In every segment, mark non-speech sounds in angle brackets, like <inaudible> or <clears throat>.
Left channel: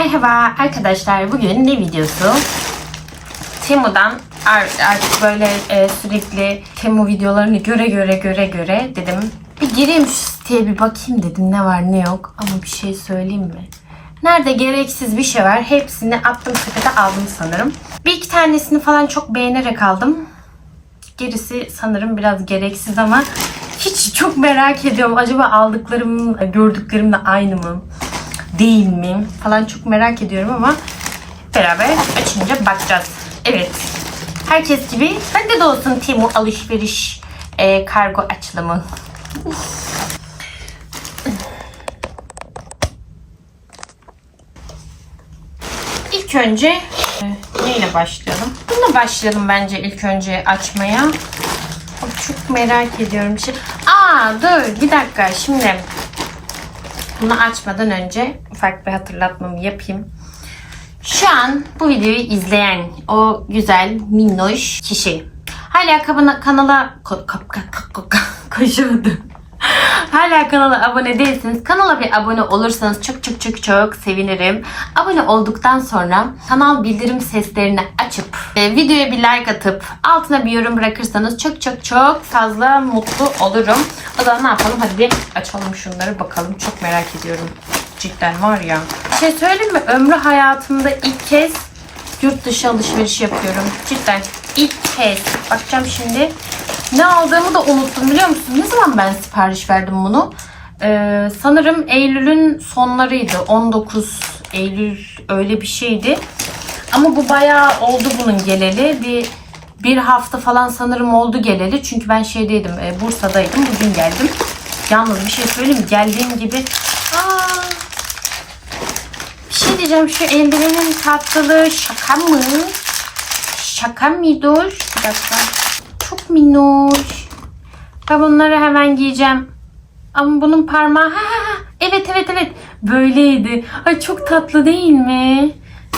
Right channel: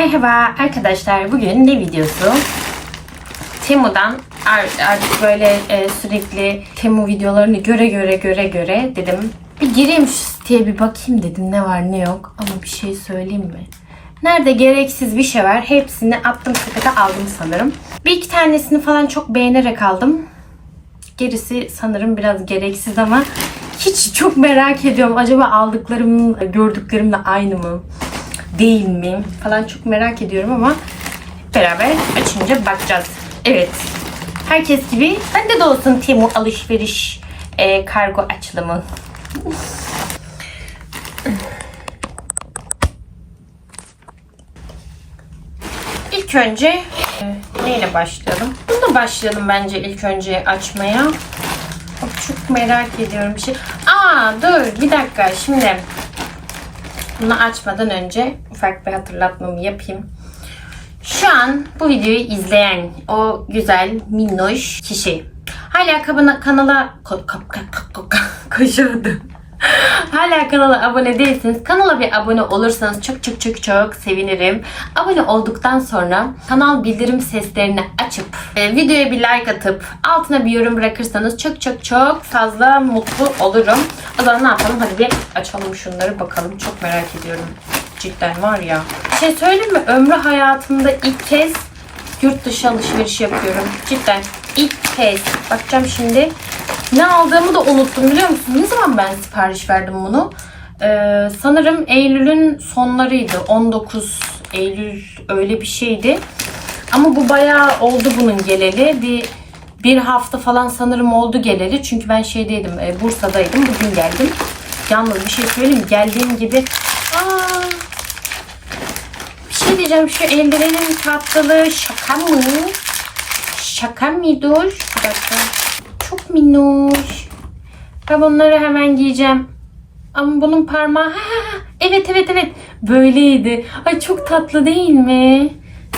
Merhaba arkadaşlar. Bugün ne videosu? Temu'dan ar- artık böyle e, sürekli Temu videolarını göre göre göre göre dedim. Bir gireyim şu siteye bir bakayım dedim ne var ne yok. Ama bir şey söyleyeyim mi? Nerede gereksiz bir şey var hepsini attım sepete aldım sanırım. Bir iki tanesini falan çok beğenerek aldım. Gerisi sanırım biraz gereksiz ama hiç çok merak ediyorum. Acaba aldıklarım gördüklerimle aynı mı? Değil mi? Falan çok merak ediyorum ama beraber açınca bakacağız. Evet. Herkes gibi bende de olsun Temu alışveriş e, kargo açılımı. İlk önce e, neyle başlayalım? Bununla başlayalım bence ilk önce açmaya. Çok merak ediyorum bir şey. Aa dur bir dakika şimdi bunu açmadan önce ufak bir hatırlatmamı yapayım. Şu an bu videoyu izleyen o güzel minnoş kişi hala kabına, kanala ko, kap, kap, kap, kap, konuşamadım. Hala kanala abone değilseniz kanala bir abone olursanız çok çok çok çok sevinirim. Abone olduktan sonra kanal bildirim seslerini açıp e, videoya bir like atıp altına bir yorum bırakırsanız çok çok çok fazla mutlu olurum. O zaman ne yapalım hadi bir açalım şunları bakalım çok merak ediyorum. Cidden var ya. Bir şey söyleyeyim mi? Ömrü hayatımda ilk kez yurt dışı alışveriş yapıyorum. Cidden ilk kez. Bakacağım şimdi. Ne aldığımı da unuttum biliyor musun? Ne zaman ben sipariş verdim bunu? Ee, sanırım Eylül'ün sonlarıydı. 19 Eylül öyle bir şeydi. Ama bu bayağı oldu bunun geleli. Bir bir hafta falan sanırım oldu geleli. Çünkü ben şeydeydim, e, Bursa'daydım. Bugün geldim. Yalnız bir şey söyleyeyim? Geldiğim gibi şey diyeceğim. Şu eldivenin tatlılığı şaka mı? Şaka mıdır? Bir dakika. Çok minnoş. Ben bunları hemen giyeceğim. Ama bunun parmağı... Ha, ha, ha. Evet evet evet. Böyleydi. Ay çok tatlı değil mi?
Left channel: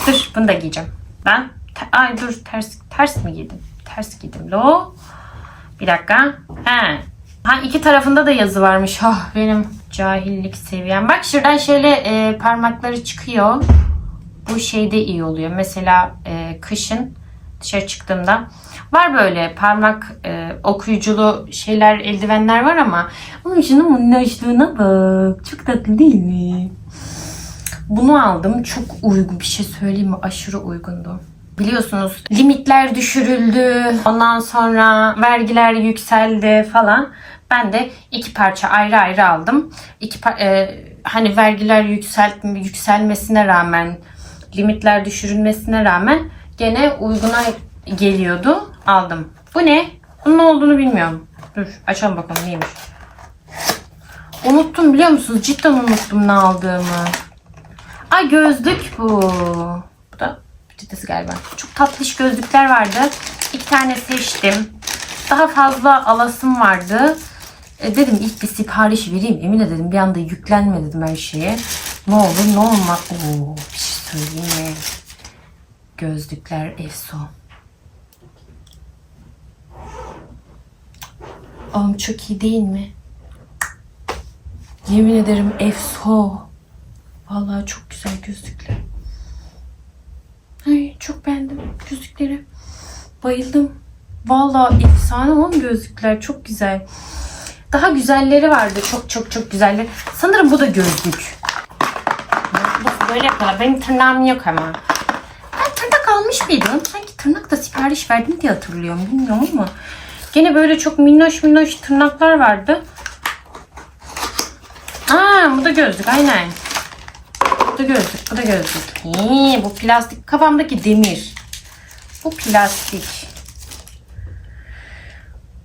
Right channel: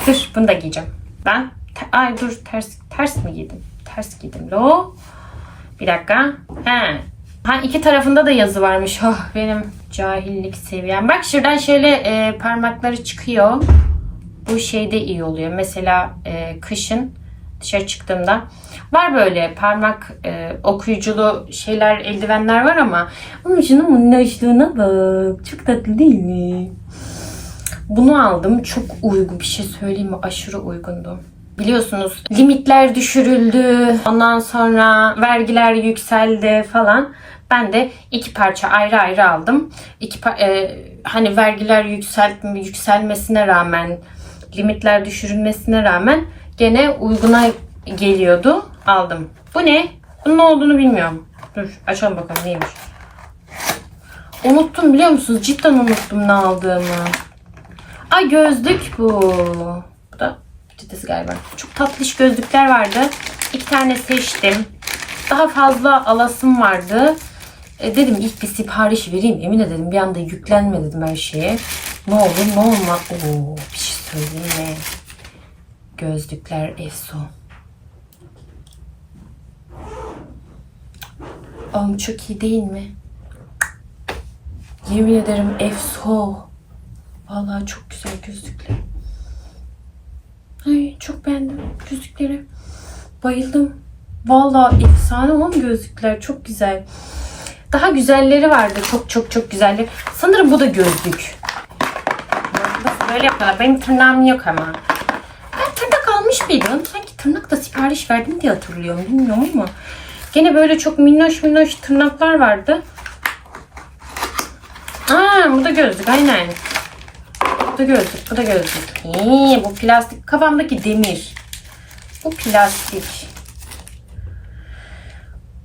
Dur bunu da giyeceğim. Ben... Ay dur ters ters mi giydim? Ters giydim lo. Bir dakika. He. Ha iki tarafında da yazı varmış. Oh benim cahillik seviyem. Bak şuradan şöyle e, parmakları çıkıyor. Bu şeyde iyi oluyor. Mesela e, kışın dışarı çıktığımda var böyle parmak e, okuyuculu şeyler, eldivenler var ama onun şunun minnoşluğuna bak. Çok tatlı değil mi? Bunu aldım. Çok uygun bir şey söyleyeyim mi? Aşırı uygundu. Biliyorsunuz limitler düşürüldü. Ondan sonra vergiler yükseldi falan. Ben de iki parça ayrı ayrı aldım. İki e, hani vergiler yüksel yükselmesine rağmen limitler düşürülmesine rağmen gene uyguna geliyordu. Aldım. Bu ne? Bunun ne olduğunu bilmiyorum. Dur açalım bakalım neymiş. Unuttum biliyor musunuz? Cidden unuttum ne aldığımı. Ay gözlük bu. Peçetesi galiba. Çok tatlış gözlükler vardı. İki tane seçtim. Daha fazla alasım vardı. E, dedim ilk bir sipariş vereyim. Emine dedim bir anda yüklenme dedim her şeye. Ne olur ne olmaz. Oo, bir şey söyleyeyim mi? Gözlükler efso. Oğlum çok iyi değil mi? Yemin ederim efso. Vallahi çok güzel gözlükler. Çok beğendim gözlükleri. Bayıldım. Vallahi efsane olan gözlükler çok güzel. Daha güzelleri vardı. Çok çok çok güzeller. Sanırım bu da gözlük. Nasıl böyle yapıyorlar? Benim tırnağım yok ama. Ben tırnak almış mıydım? Sanki tırnak da sipariş verdim diye hatırlıyorum. Bilmiyorum ama. Gene böyle çok minnoş minnoş tırnaklar vardı. Aa bu da gözlük aynen. Bu da gözlük, bu da gözlük. Hii, bu plastik. Kafamdaki demir. Bu plastik.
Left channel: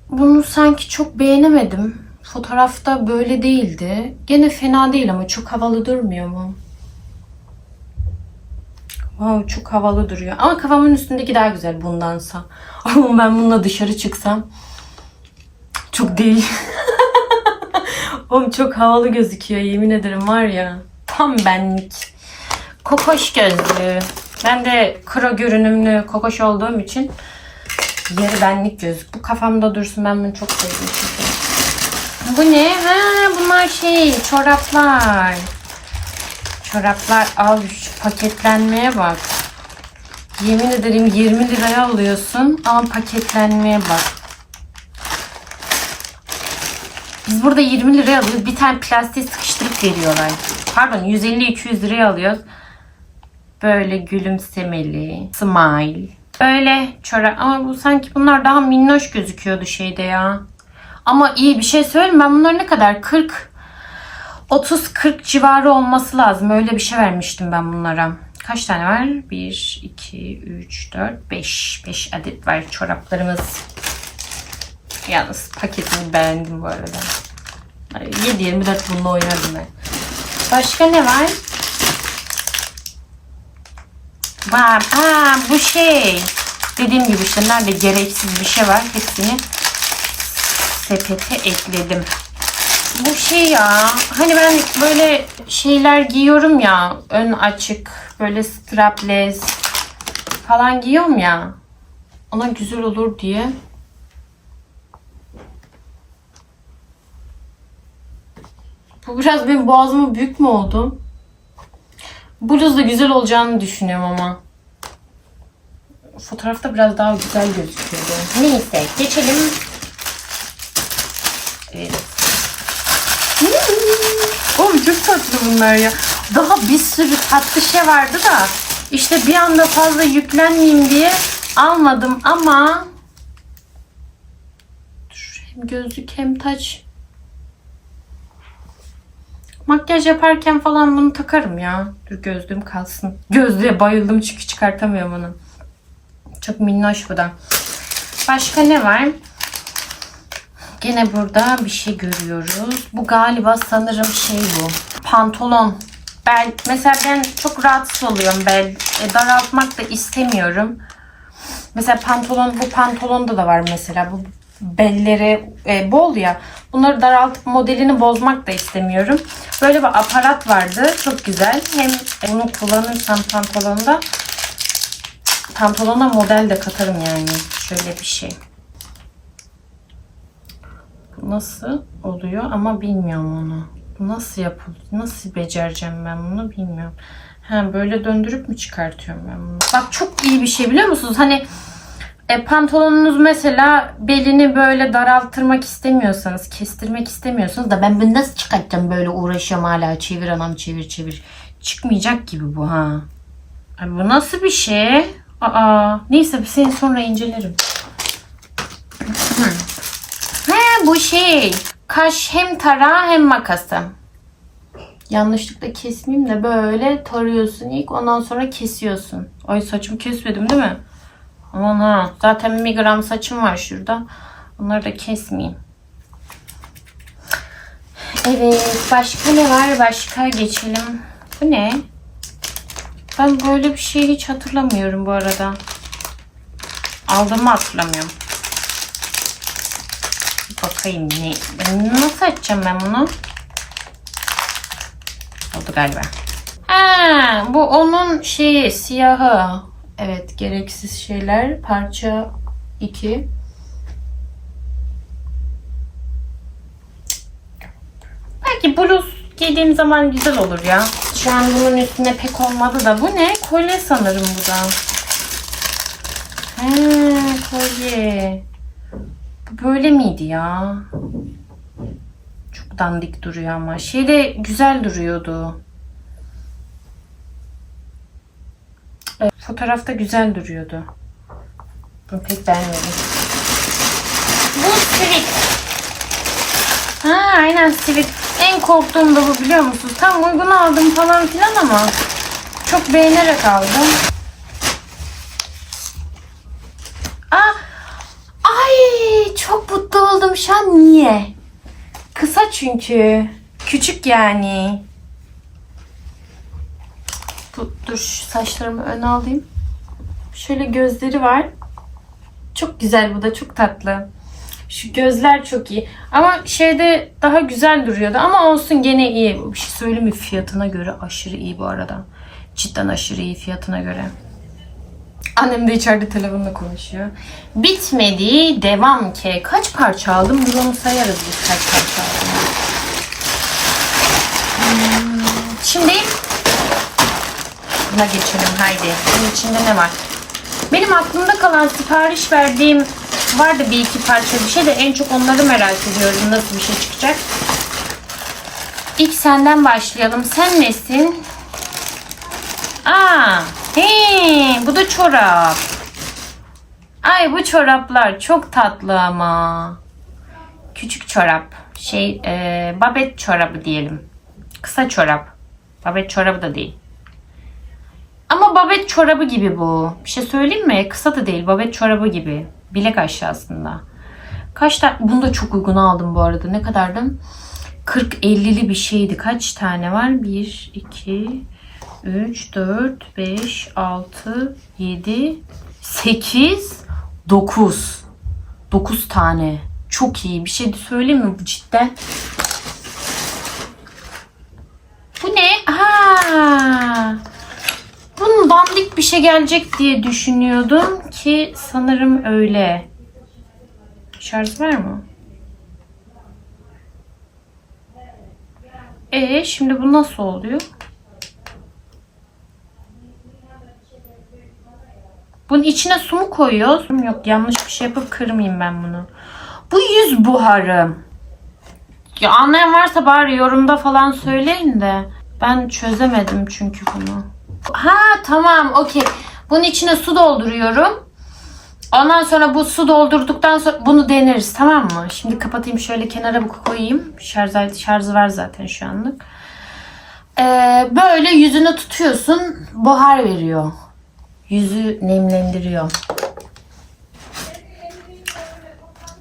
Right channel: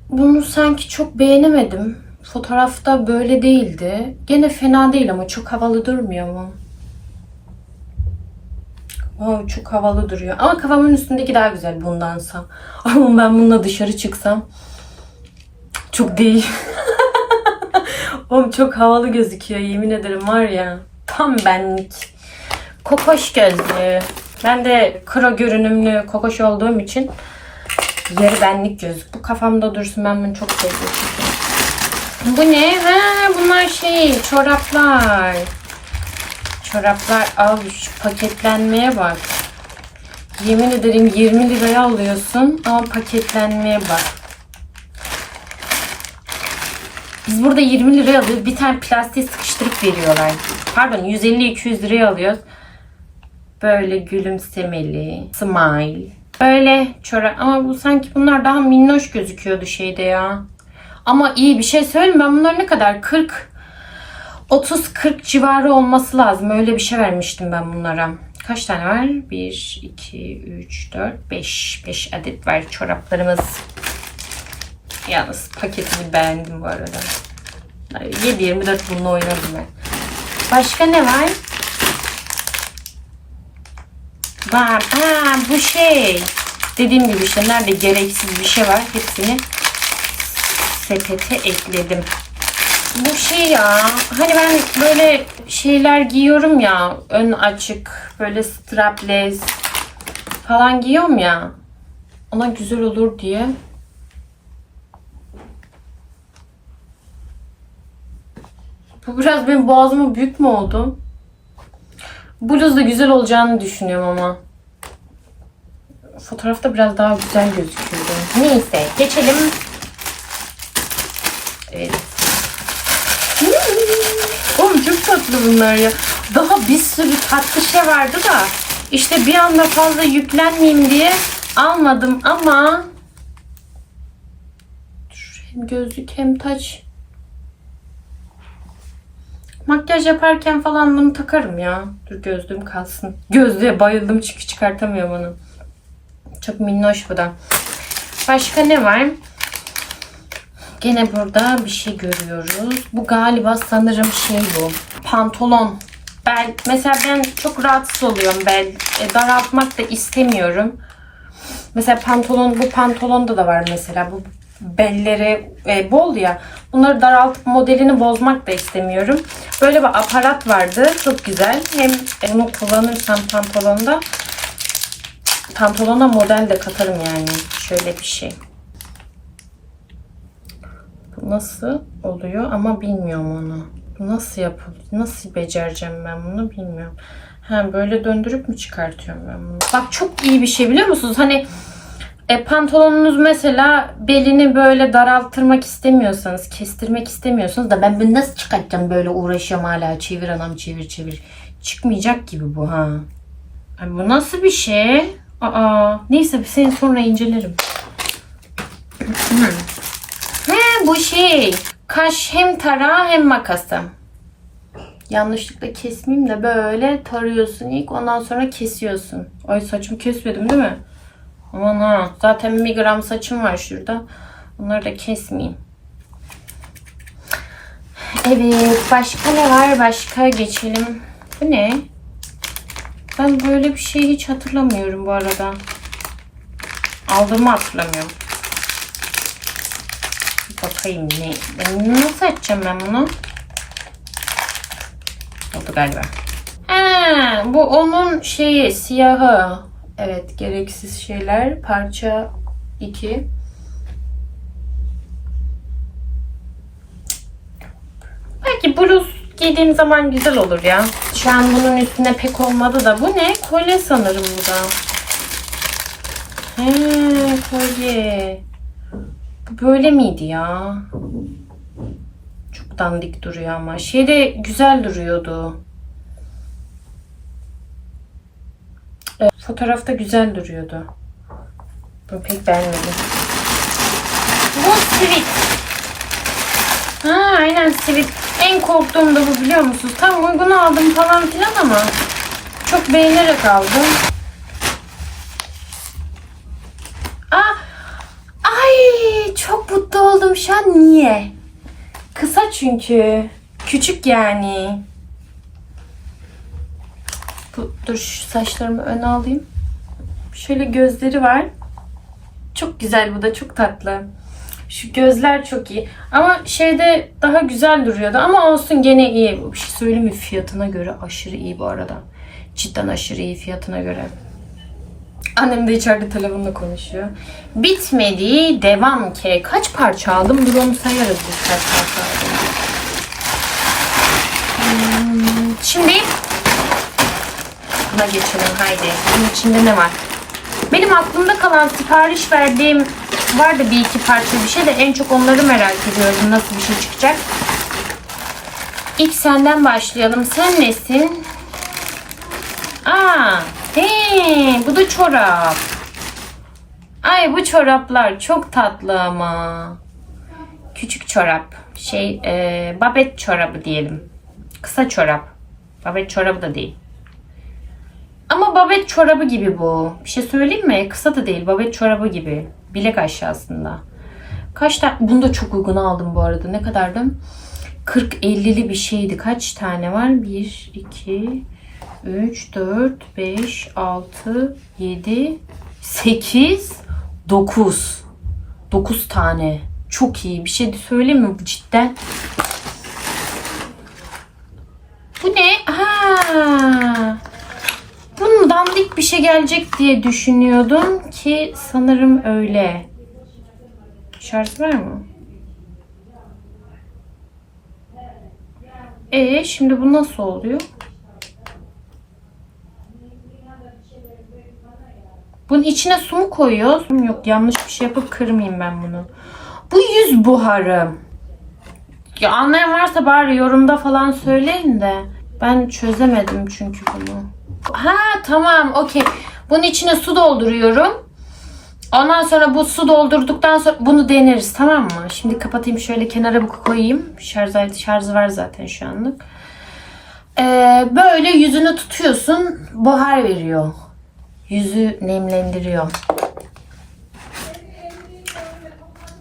Bunu sanki çok beğenemedim. Fotoğrafta böyle değildi. Gene fena değil ama çok havalı durmuyor mu? Wow, çok havalı duruyor. Ama kafamın üstündeki daha güzel bundansa. <laughs> Ama ben bununla dışarı çıksam çok değil. <laughs> Oğlum çok havalı gözüküyor yemin ederim var ya. Tam benlik. Kokoş gözlü. Ben de kro görünümlü kokoş olduğum için yarı benlik gözlük. Bu kafamda dursun ben bunu çok seviyorum. Bu ne? Ha, bunlar şey çoraplar. Çoraplar al şu paketlenmeye bak. Yemin ederim 20 liraya alıyorsun ama paketlenmeye bak. Biz burada 20 liraya alıyoruz. Bir tane plastiğe sıkıştırıp veriyorlar. Pardon 150-200 liraya alıyoruz. Böyle gülümsemeli. Smile. Böyle çorap. Ama bu sanki bunlar daha minnoş gözüküyordu şeyde ya. Ama iyi bir şey söyleyeyim. Ben bunlar ne kadar? 40 30-40 civarı olması lazım. Öyle bir şey vermiştim ben bunlara. Kaç tane var? 1, 2, 3, 4, 5. 5 adet var çoraplarımız. Yalnız paketini beğendim bu arada. 7-24 bununla oynardım ben. Başka ne var? Var. Ha, bu şey. Dediğim gibi işte nerede gereksiz bir şey var. Hepsini sepete ekledim. Bu şey ya. Hani ben böyle şeyler giyiyorum ya. Ön açık. Böyle strapless falan giyiyorum ya. Ona güzel olur diye. Bu biraz benim boğazıma büyük mü oldu? Bluz da güzel olacağını düşünüyorum ama. Fotoğrafta biraz daha güzel gözüküyordu. Neyse geçelim. Evet. Hmm. Oğlum çok tatlı bunlar ya. Daha bir sürü tatlı şey vardı da işte bir anda fazla yüklenmeyeyim diye almadım ama hem gözlük hem taç Makyaj yaparken falan bunu takarım ya. Dur gözlüğüm kalsın. Gözlüğe bayıldım çünkü çıkartamıyorum onu. Çok minnoş bu da. Başka ne var? Gene burada bir şey görüyoruz. Bu galiba sanırım şey bu. Pantolon. Bel. Mesela ben çok rahatsız oluyorum bel. E, daraltmak da istemiyorum. Mesela pantolon bu pantolonda da var mesela. Bu belleri e, bol ya. Bunları daraltıp modelini bozmak da istemiyorum. Böyle bir aparat vardı. Çok güzel. Hem bunu kullanırsam pantolonda pantolona model de katarım yani. Şöyle bir şey. Nasıl oluyor ama bilmiyorum onu. Nasıl yapılıyor? Nasıl becereceğim ben bunu bilmiyorum. Ha böyle döndürüp mü çıkartıyorum ben bunu? Bak çok iyi bir şey biliyor musunuz? Hani e, pantolonunuz mesela belini böyle daraltırmak istemiyorsanız, kestirmek istemiyorsanız da ben bunu nasıl çıkartacağım böyle uğraşıyorum hala çevir anam çevir çevir. Çıkmayacak gibi bu ha. Ay, bu nasıl bir şey? Aa, neyse seni sonra incelerim. <clears throat> He bu şey. Kaş hem tarağı hem makası. Yanlışlıkla kesmeyeyim de böyle tarıyorsun ilk ondan sonra kesiyorsun. Ay saçımı kesmedim değil mi? Aman. Zaten bir gram saçım var şurada. Onları da kesmeyeyim. Evet. Başka ne var? Başka geçelim. Bu ne? Ben böyle bir şey hiç hatırlamıyorum bu arada. Aldığımı hatırlamıyorum. Bakayım ne? Nasıl açacağım ben bunu? Oldu galiba. Ha, bu onun şeyi siyahı. Evet gereksiz şeyler. Parça 2. Belki bluz giydiğim zaman güzel olur ya. Şu an bunun üstüne pek olmadı da. Bu ne? Kolye sanırım bu da. He kolye. Bu böyle miydi ya? Çok dandik duruyor ama. Şeyde güzel duruyordu. Evet, fotoğrafta güzel duruyordu. Bunu pek beğenmedim. Bu sivit. Ha aynen sivit. En korktuğum da bu biliyor musunuz? Tam uygun aldım falan filan ama çok beğenerek aldım. Aa, ay çok mutlu oldum şu an. Niye? Kısa çünkü. Küçük yani. Bu, dur saçlarımı öne alayım. Şöyle gözleri var. Çok güzel bu da çok tatlı. Şu gözler çok iyi. Ama şeyde daha güzel duruyordu. Ama olsun gene iyi. Bir şey söyleyeyim mi? Fiyatına göre aşırı iyi bu arada. Cidden aşırı iyi fiyatına göre. Annem de içeride telefonla konuşuyor. Bitmedi. Devam ki. Kaç parça aldım? Dur sayarız biz kaç parça aldım. Hmm, Şimdi tarafına geçelim haydi. Bunun içinde ne var? Benim aklımda kalan sipariş verdiğim vardı bir iki parça bir şey de en çok onları merak ediyorum. Nasıl bir şey çıkacak? İlk senden başlayalım. Sen nesin? Aa, he, bu da çorap. Ay bu çoraplar çok tatlı ama. Küçük çorap. Şey, e, babet çorabı diyelim. Kısa çorap. Babet çorabı da değil. Ama babet çorabı gibi bu. Bir şey söyleyeyim mi? Kısa da değil. Babet çorabı gibi. Bilek aşağısında. Kaç tane? Bunu da çok uygun aldım bu arada. Ne kadardı? 40-50'li bir şeydi. Kaç tane var? 1, 2, 3, 4, 5, 6, 7, 8, 9. 9 tane. Çok iyi. Bir şey söyleyeyim mi bu cidden? Bu ne? Ha. Bunun dandik bir şey gelecek diye düşünüyordum ki sanırım öyle. Şarj var mı? E şimdi bu nasıl oluyor? Bunun içine su mu koyuyoruz? Yok yanlış bir şey yapıp kırmayayım ben bunu. Bu yüz buharı. Ya anlayan varsa bari yorumda falan söyleyin de. Ben çözemedim çünkü bunu. Ha tamam okey. Bunun içine su dolduruyorum. Ondan sonra bu su doldurduktan sonra bunu deneriz tamam mı? Şimdi kapatayım şöyle kenara bu koyayım. Şarj şarjı var zaten şu anlık. Ee, böyle yüzünü tutuyorsun buhar veriyor. Yüzü nemlendiriyor.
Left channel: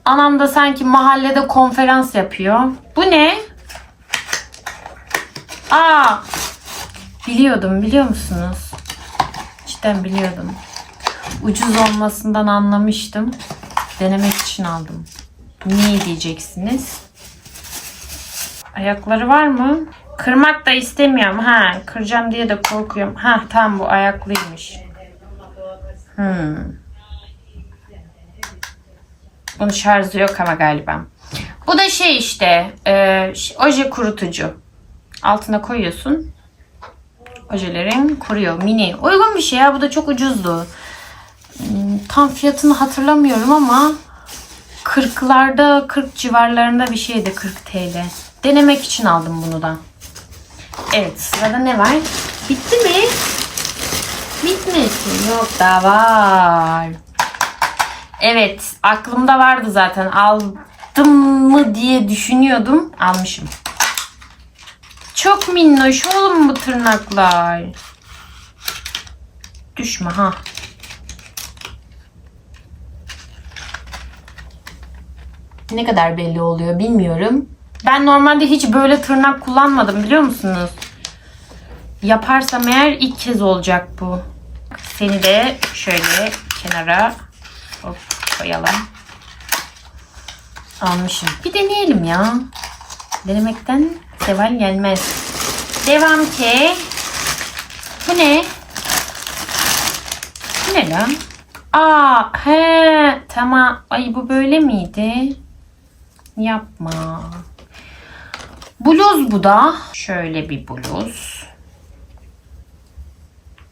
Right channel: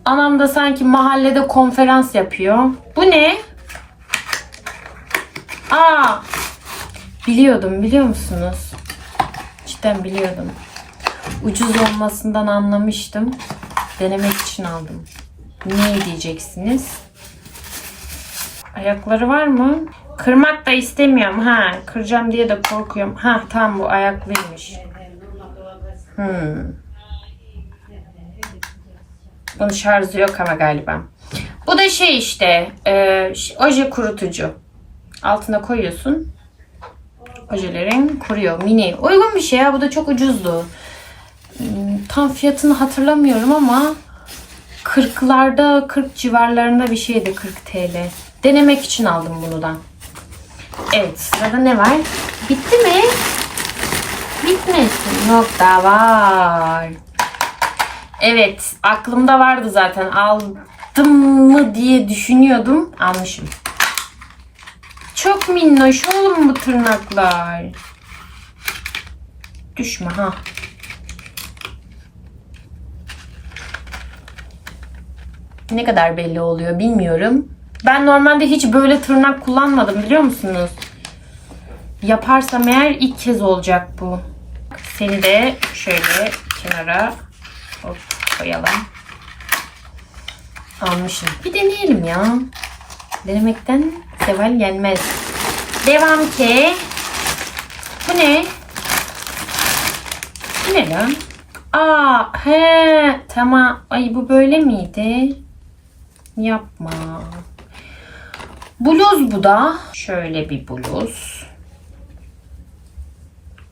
Anam da sanki mahallede konferans yapıyor. Bu ne? Aa, biliyordum biliyor musunuz? Cidden biliyordum. Ucuz olmasından anlamıştım. Denemek için aldım. Niye diyeceksiniz? Ayakları var mı? Kırmak da istemiyorum. Ha, kıracağım diye de korkuyorum. Ha, tamam bu ayaklıymış. Hmm. Bunun şarjı yok ama galiba. Bu da şey işte e, oje kurutucu. Altına koyuyorsun. Ojelerin kuruyor. Mini. Uygun bir şey ya. Bu da çok ucuzdu. Hmm, Tam fiyatını hatırlamıyorum ama 40'larda 40 civarlarında bir şeydi 40 TL. Denemek için aldım bunu da. Evet sırada ne var? Bitti mi? Bitmesin. Yok daha var. Evet aklımda vardı zaten. Aldım mı diye düşünüyordum. Almışım. Çok minnoş oğlum bu tırnaklar. Düşme ha. Ne kadar belli oluyor bilmiyorum. Ben normalde hiç böyle tırnak kullanmadım biliyor musunuz? Yaparsam eğer ilk kez olacak bu. Seni de şöyle kenara hop koyalım. Almışım. Bir deneyelim ya. Denemekten seval gelmez. Devam ki. Bu ne? Bu ne lan? Aa, he, tamam. Ay bu böyle miydi? Yapma. Bluz bu da. Şöyle bir bluz.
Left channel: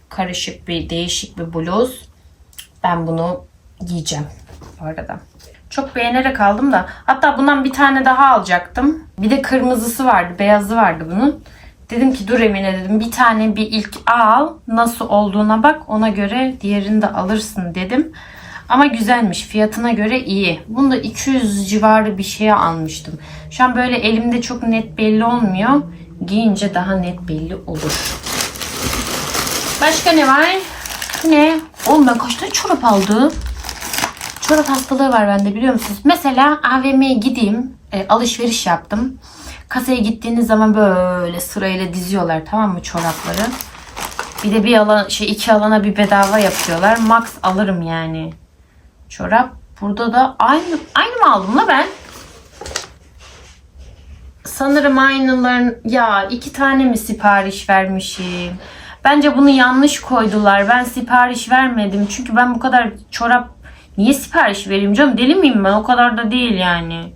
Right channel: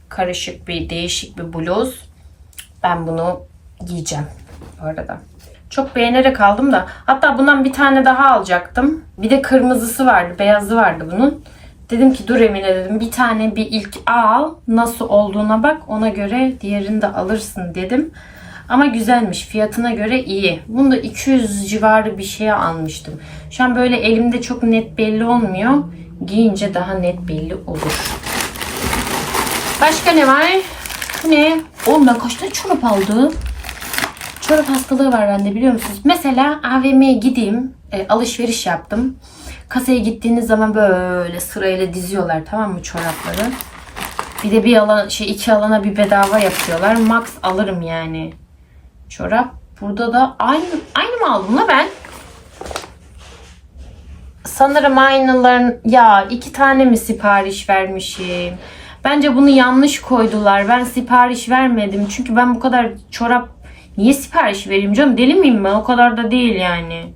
Karışık bir, değişik bir bluz. Ben bunu giyeceğim bu arada. Çok beğenerek aldım da. Hatta bundan bir tane daha alacaktım. Bir de kırmızısı vardı, beyazı vardı bunun. Dedim ki dur Emine dedim bir tane bir ilk al. Nasıl olduğuna bak ona göre diğerini de alırsın dedim. Ama güzelmiş. Fiyatına göre iyi. Bunu da 200 civarı bir şeye almıştım. Şu an böyle elimde çok net belli olmuyor. Giyince daha net belli olur. Başka ne var? Ne? Oğlum ben kaç tane çorap aldım? Çorap hastalığı var bende biliyor musunuz? Mesela AVM'ye gideyim. e, alışveriş yaptım. Kasaya gittiğiniz zaman böyle sırayla diziyorlar tamam mı çorapları? Bir de bir alan şey iki alana bir bedava yapıyorlar. Max alırım yani. Çorap. Burada da aynı aynı mı aldım la ben? Sanırım aynıların ya iki tane mi sipariş vermişim? Bence bunu yanlış koydular. Ben sipariş vermedim. Çünkü ben bu kadar çorap niye sipariş vereyim canım? Deli miyim ben? O kadar da değil yani.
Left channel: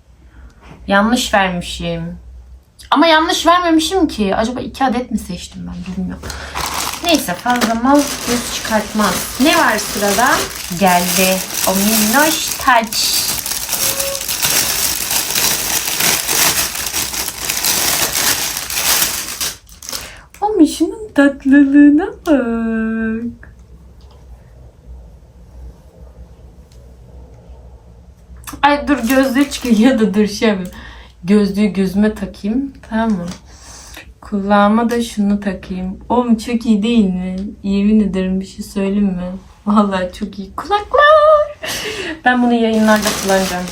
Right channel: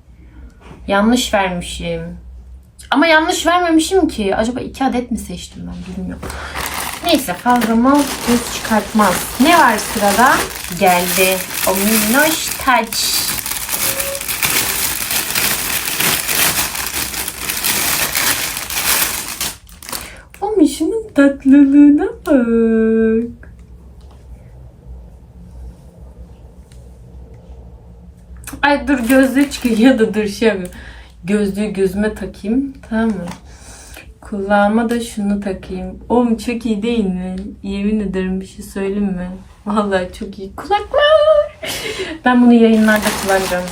Yanlış vermişim. Ama yanlış vermemişim ki. Acaba iki adet mi seçtim ben bilmiyorum. Neyse fazla mal göz çıkartmaz. Ne var sırada? Geldi. O minnoş taç. O mişinin tatlılığına bak. Ay dur gözlüğü çıkıyor da dur şey yapayım. Gözlüğü gözüme takayım. Tamam mı? Kulağıma da şunu takayım. Oğlum çok iyi değil mi? Yemin ederim bir şey söyleyeyim mi? Vallahi çok iyi. Kulaklar. Ben bunu yayınlarda kullanacağım.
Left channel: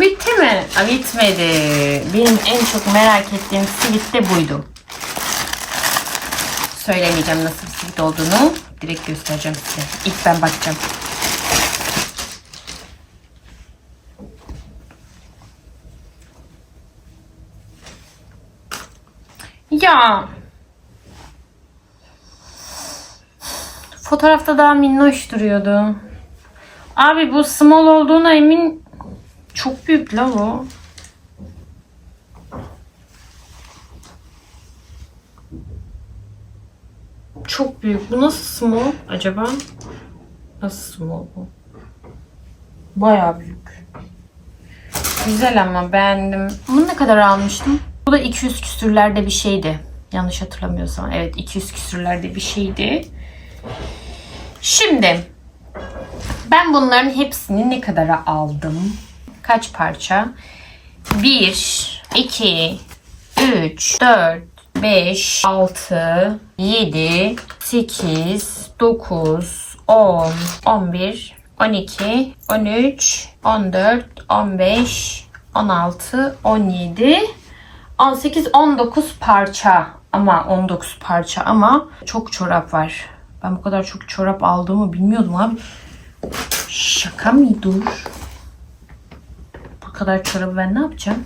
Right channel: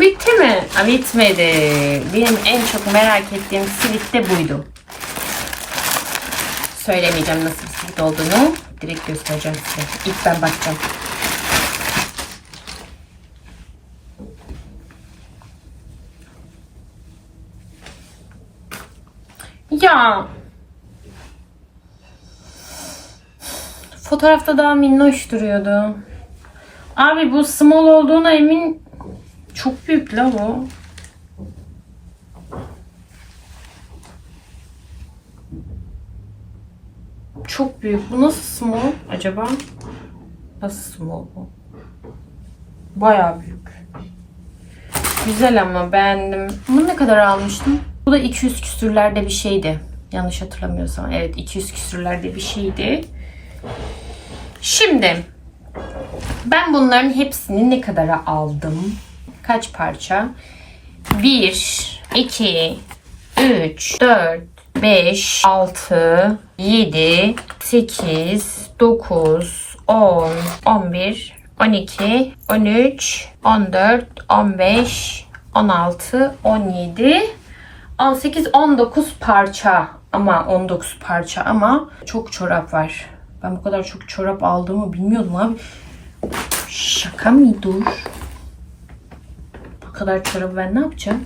Bitti mi? Aa, bitmedi. Benim en çok merak ettiğim silik de buydu. Söylemeyeceğim nasıl bir silik olduğunu. Direkt göstereceğim size. İlk ben bakacağım. Ya. Fotoğrafta daha minnoş duruyordu. Abi bu small olduğuna emin çok büyük la bu. Çok büyük. Bu nasıl small acaba? Nasıl small bu? Bayağı büyük. Güzel ama beğendim. Bunu ne kadar almıştım? Bu da 200 küsürlerde bir şeydi. Yanlış hatırlamıyorsam. Evet 200 küsürlerde bir şeydi. Şimdi ben bunların hepsini ne kadara aldım? Kaç parça? 1, 2, 3, 4, 5, 6, 7, 8, 9, 10, 11, 12, 13, 14, 15, 16, 17, 18, 19 parça ama 19 parça ama çok çorap var. Ben bu kadar çok çorap aldığımı bilmiyordum abi. Şaka mı dur? Bu kadar çorabı ben ne yapacağım?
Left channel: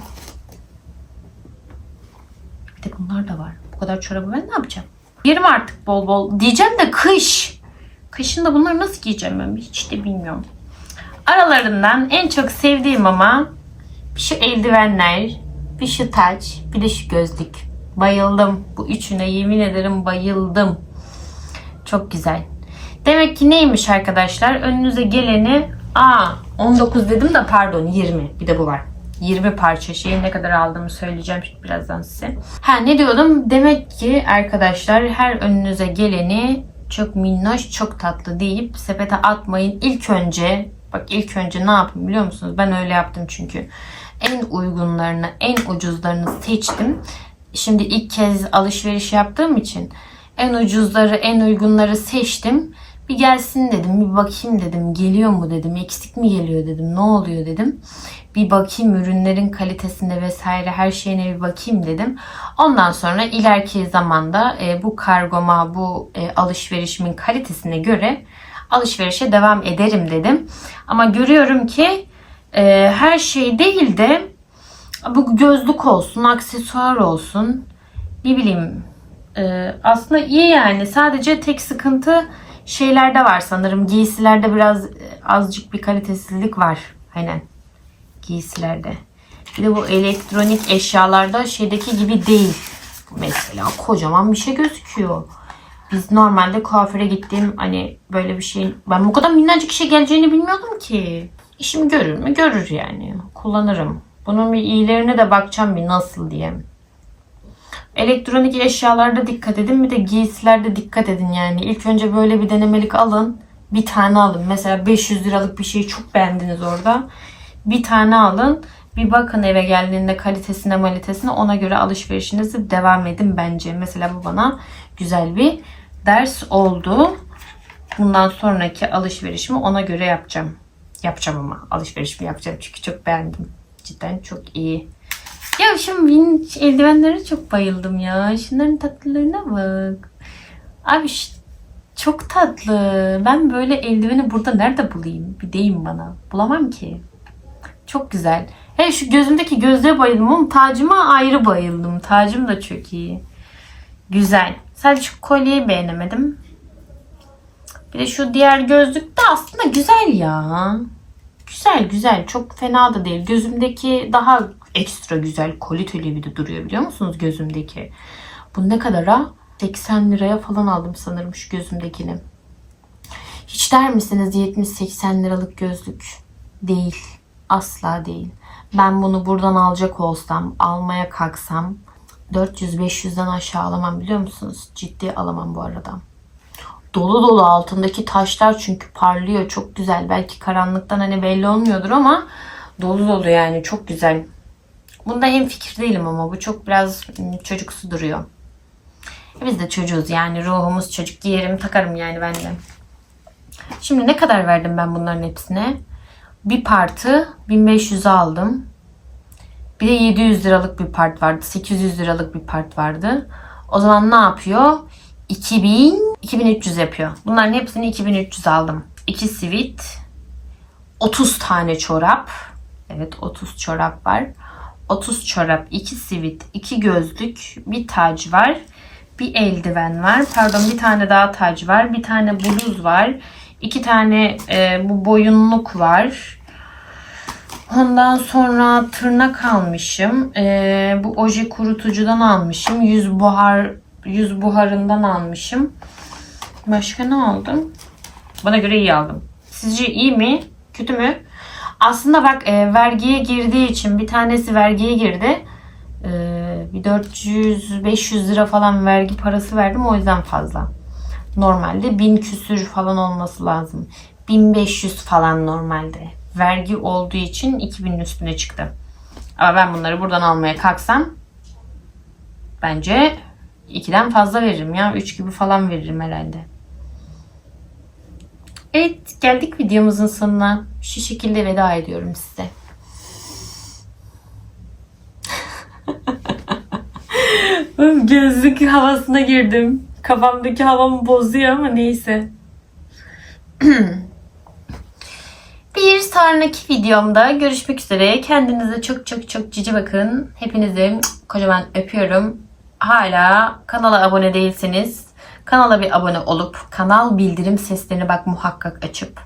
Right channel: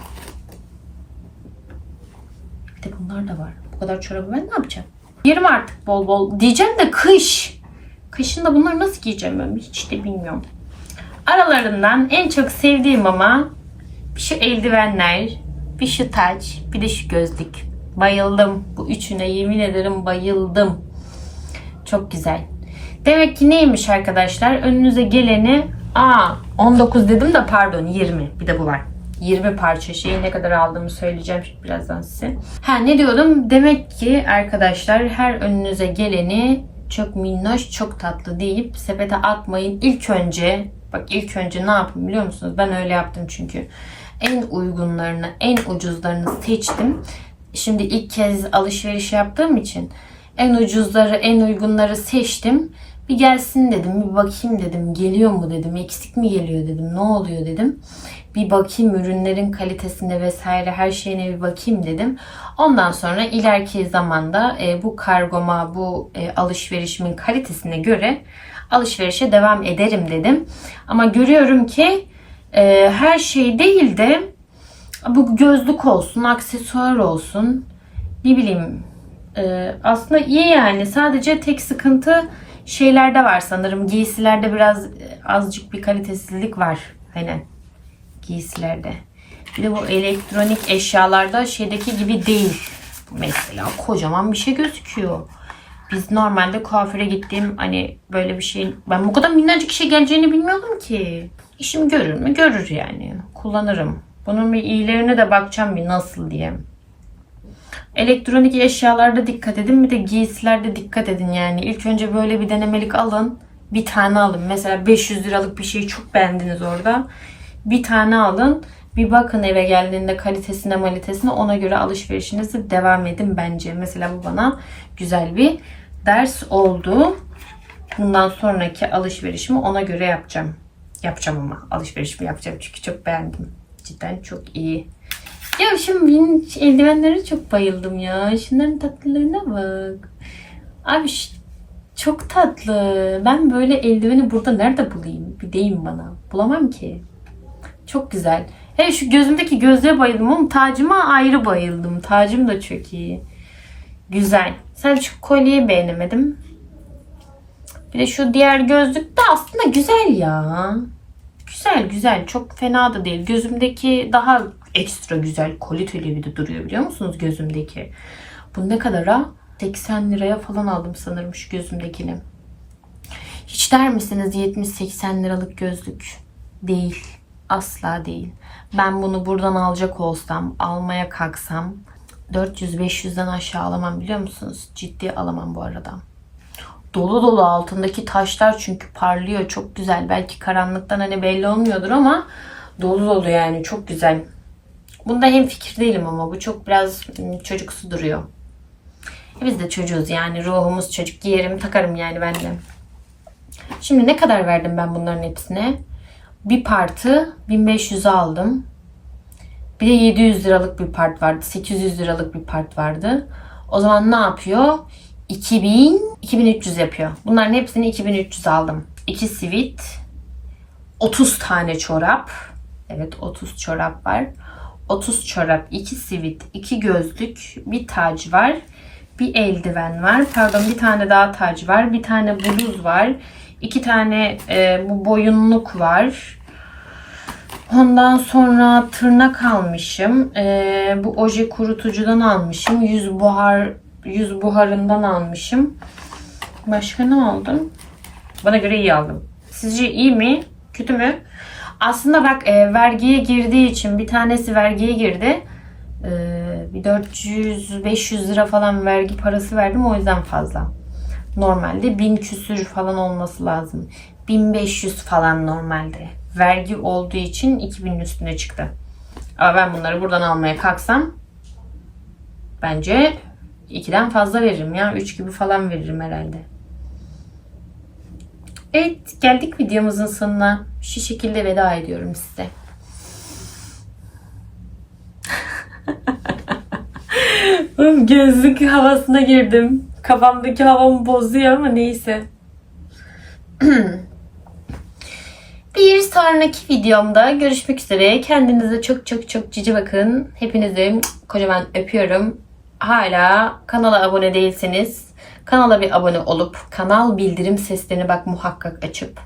Bir de bunlar da var. Bu kadar çorabı ben ne yapacağım? Yerim artık bol bol. Diyeceğim de kış. Kışın da bunları nasıl giyeceğim ben hiç de bilmiyorum. Aralarından en çok sevdiğim ama şu eldivenler, bir şu taç, bir de şu gözlük. Bayıldım. Bu üçüne yemin ederim bayıldım. Çok güzel. Demek ki neymiş arkadaşlar? Önünüze geleni Aa 19 dedim de pardon 20. Bir de bu var. 20 parça şeyi ne kadar aldığımı söyleyeceğim birazdan size. Ha ne diyordum? Demek ki arkadaşlar her önünüze geleni çok minnoş, çok tatlı deyip sepete atmayın. İlk önce bak ilk önce ne yapın biliyor musunuz? Ben öyle yaptım çünkü. En uygunlarını, en ucuzlarını seçtim. Şimdi ilk kez alışveriş yaptığım için en ucuzları, en uygunları seçtim. Bir gelsin dedim, bir bakayım dedim. Geliyor mu dedim, eksik mi geliyor dedim, ne oluyor dedim. Bir bakayım ürünlerin kalitesine vesaire her şeyine bir bakayım dedim. Ondan sonra ileriki zamanda e, bu kargoma, bu e, alışverişimin kalitesine göre alışverişe devam ederim dedim. Ama görüyorum ki e, her şey değil de bu gözlük olsun, aksesuar olsun, ne bileyim e, aslında iyi yani. Sadece tek sıkıntı şeylerde var sanırım. Giysilerde biraz e, azıcık bir kalitesizlik var. Aynen. Giysilerde. Bir de bu elektronik eşyalarda şeydeki gibi değil. Mesela kocaman bir şey gözüküyor. Biz normalde kuaföre gittiğim hani böyle bir şey ben bu kadar minnacık şey geleceğini bilmiyordum ki. İşim görür mü? Görür yani. Kullanırım. Bunun bir iyilerine de bakacağım bir nasıl diye. Elektronik eşyalarda dikkat edin bir de giysilerde dikkat edin yani. İlk önce böyle bir denemelik alın. Bir tane alın. Mesela 500 liralık bir şeyi çok beğendiniz orada. Bir tane alın. Bir bakın eve geldiğinde kalitesine malitesine ona göre alışverişinizi devam edin bence. Mesela bu bana güzel bir ders oldu. Bundan sonraki alışverişimi ona göre yapacağım. Yapacağım ama alışverişimi yapacağım çünkü çok beğendim. Cidden çok iyi. Ya şu benim eldivenlere çok bayıldım ya. Şunların tatlılığına bak. Abi çok tatlı. Ben böyle eldiveni burada nerede bulayım? Bir deyin bana. Bulamam ki. Çok güzel. He şu gözümdeki gözlüğe bayıldım ama tacıma ayrı bayıldım. Tacım da çok iyi. Güzel. Sadece şu kolyeyi beğenemedim. Bir de şu diğer gözlük de aslında güzel ya. Güzel güzel. Çok fena da değil. Gözümdeki daha ekstra güzel. Kaliteli bir de duruyor biliyor musunuz gözümdeki? Bu ne kadar ha? 80 liraya falan aldım sanırım şu gözümdekini. Hiç der misiniz 70-80 liralık gözlük? Değil. Asla değil. Ben bunu buradan alacak olsam, almaya kalksam 400-500'den aşağı alamam biliyor musunuz? Ciddi alamam bu arada. Dolu dolu altındaki taşlar çünkü parlıyor. Çok güzel. Belki karanlıktan hani belli olmuyordur ama dolu dolu yani çok güzel. Bunda hem fikir değilim ama bu çok biraz ım, çocuksu duruyor. E Biz de çocuğuz yani ruhumuz çocuk giyerim takarım yani ben de. Şimdi ne kadar verdim ben bunların hepsine? Bir partı 1500 aldım. Bir de 700 liralık bir part vardı. 800 liralık bir part vardı. O zaman ne yapıyor? 2000, 2300 yapıyor. Bunların hepsini 2300 aldım. 2 sivit, 30 tane çorap. Evet 30 çorap var. 30 çorap, 2 sivit, 2 gözlük, bir tac var. Bir eldiven var. Pardon bir tane daha tac var. Bir tane bluz var. iki tane e, bu boyunluk var. Ondan sonra tırnak almışım. Ee, bu oje kurutucudan almışım. Yüz buhar yüz buharından almışım. Başka ne aldım? Bana göre iyi aldım. Sizce iyi mi? Kötü mü? Aslında bak e, vergiye girdiği için bir tanesi vergiye girdi. Ee, bir 400-500 lira falan vergi parası verdim o yüzden fazla. Normalde 1000 küsür falan olması lazım. 1500 falan normalde. Vergi olduğu için 2000'in üstüne çıktı. Ama ben bunları buradan almaya kalksam bence 2'den fazla veririm ya. 3 gibi falan veririm herhalde. Evet geldik videomuzun sonuna. Şu şekilde veda ediyorum size. <laughs> Gözlük havasına girdim. Kafamdaki havamı bozuyor ama neyse. <clears throat> Bir sonraki videomda görüşmek üzere. Kendinize çok çok çok cici bakın. Hepinizi kocaman öpüyorum. Hala kanala abone değilseniz kanala bir abone olup kanal bildirim seslerini bak muhakkak açıp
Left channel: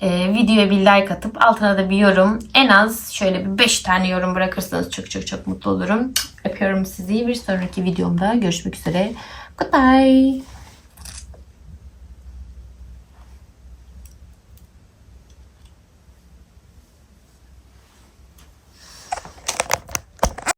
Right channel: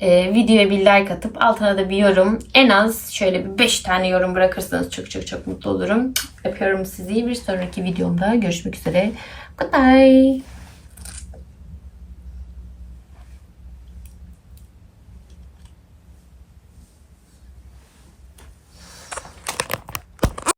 e, videoya bir like atıp altına da bir yorum en az şöyle bir 5 tane yorum bırakırsanız çok çok çok mutlu olurum. Öpüyorum sizi. Bir sonraki videomda görüşmek üzere. Goodbye.